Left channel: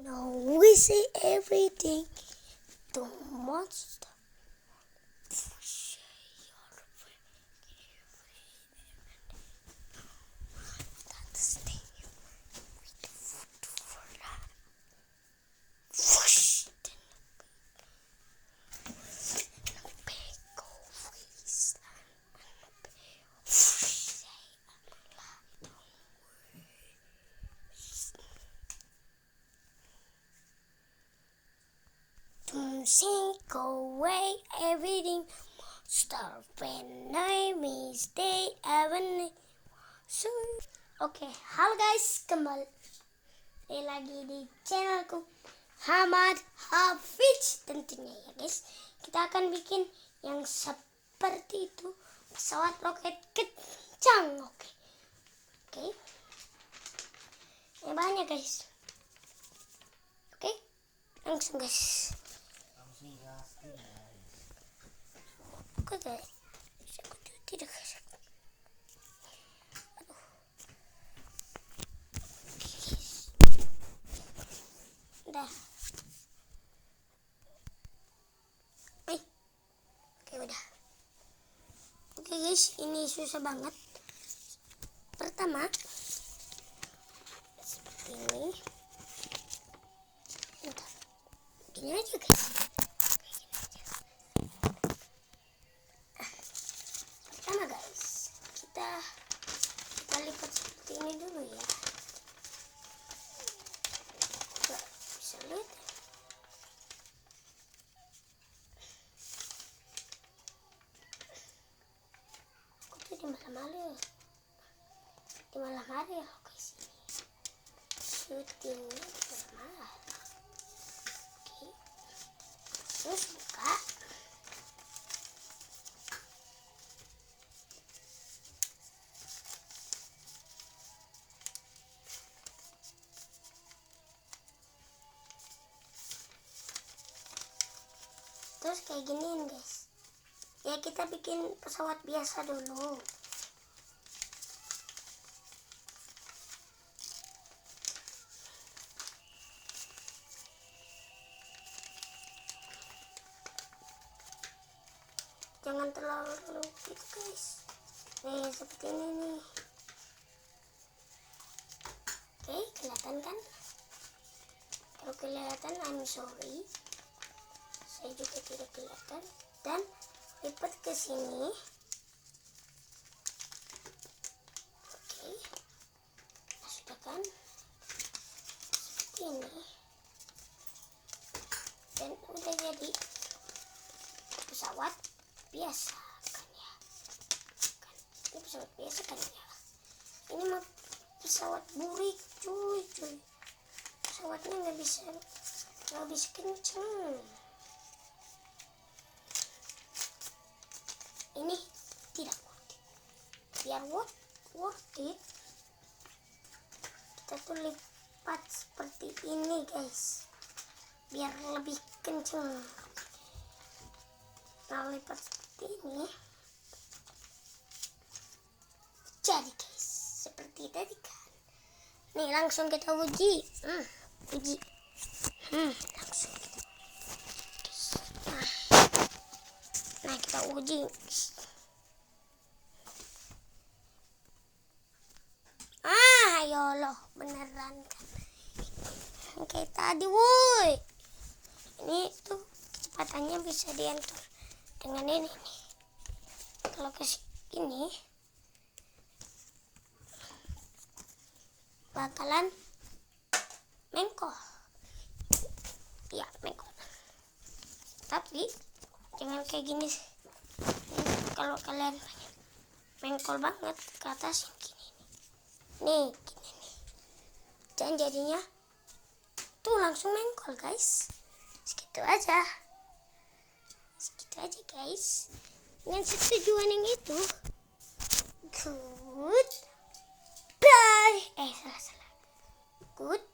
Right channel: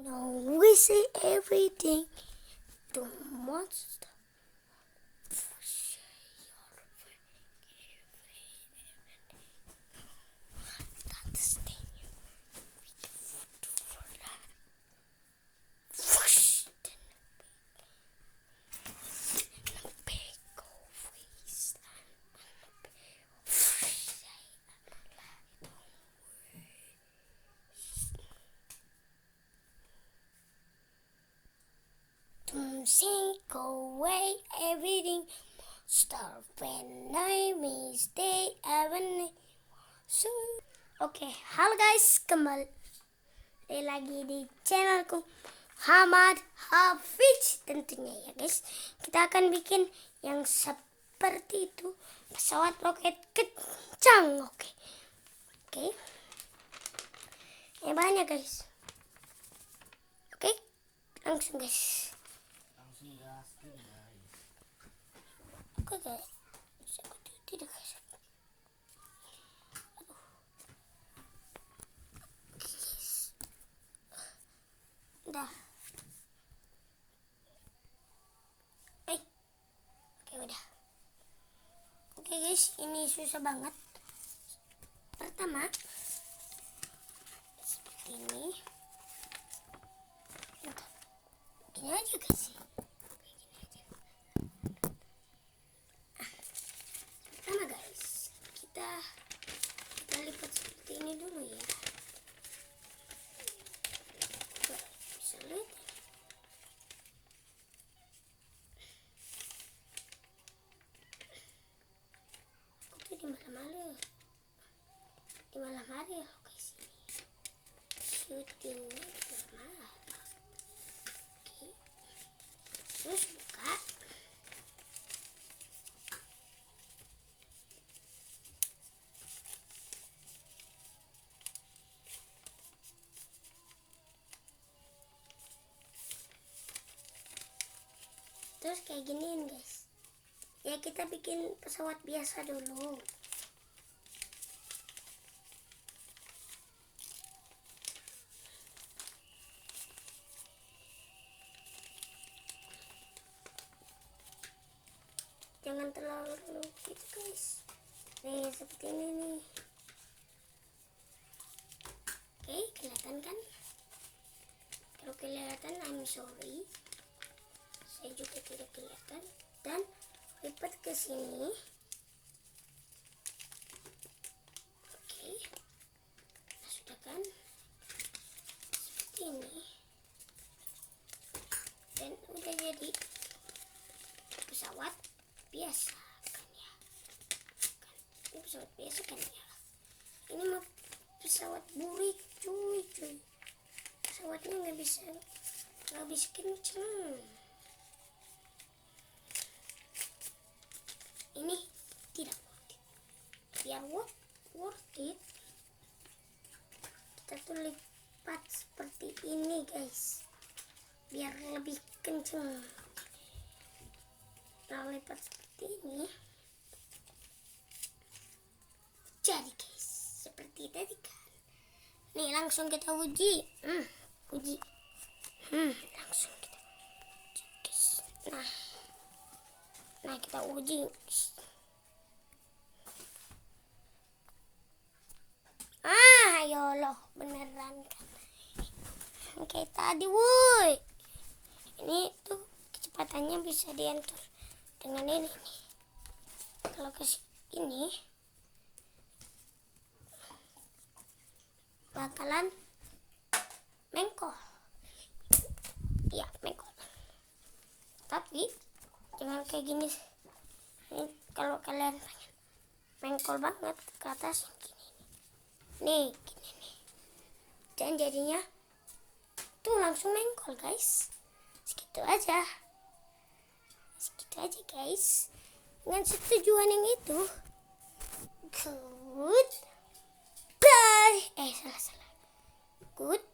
Now we say everything to monster. Shake away everything. Start when I mistake everything. So, halo guys, kembali lagi di channelku Hamad Hafiz tentunya ya guys. Kita akan bikin yang seperti itu, pesawat roket kencang. Oke. Ya banyak guys. Oke, langsung guys. Tidak guys. Udah. Oke udah. Oke guys, ini susah banget. Pertama seperti ini. Gini aja guys. Pertama guys, kita lipat seperti ini dulu ya. Gak bisa lihat. Di malam hari loh guys, syutingnya di malam hari. Oke, terus buka. Terus kayak giniin guys. Ya kita bikin pesawat biasa dulu. Jangan terlalu gitu guys. Nih seperti ini nih. Oke, kelihatan kan? Kalau kelihatan I'm sorry. Saya juga tidak kelihatan. Dan lipat ke sini. Oke. Nah, sudah kan? Seperti ini. Dan udah jadi pesawat biasa kan ya. Ini pesawat biasa kan ya. Ini mah pesawat burik cuy. Pesawatnya nggak bisa kenceng. Ini tidak worth it. Biar worth it, kita tuh lipat seperti ini guys, biar lebih kenceng. Nah, lipat seperti ini jadi guys, seperti tadi kan. Nih langsung kita uji. Langsung kita guys. Nah kita uji. Ya Allah, beneran kan kayak tadi woi. Ini tuh kecepatannya bisa diatur dengan ini nih. Kalau ke sini bakalan mengkol. Ya mengkol. Tapi jangan kayak gini. Ini kalau kalian pengen mengkol banget ke atas gini nih. Gini nih. Dan jadinya tuh langsung mengkol guys. Segitu aja guys. Dengan setujuan yang itu. Good bye. Salah. Good